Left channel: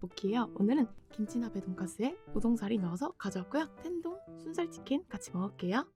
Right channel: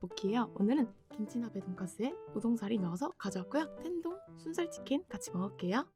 모키예요. 오늘은 김치나베 돈가스에 우동살이 넣어서 가져왔고요. 텐동 순살치킨 같이 먹을게요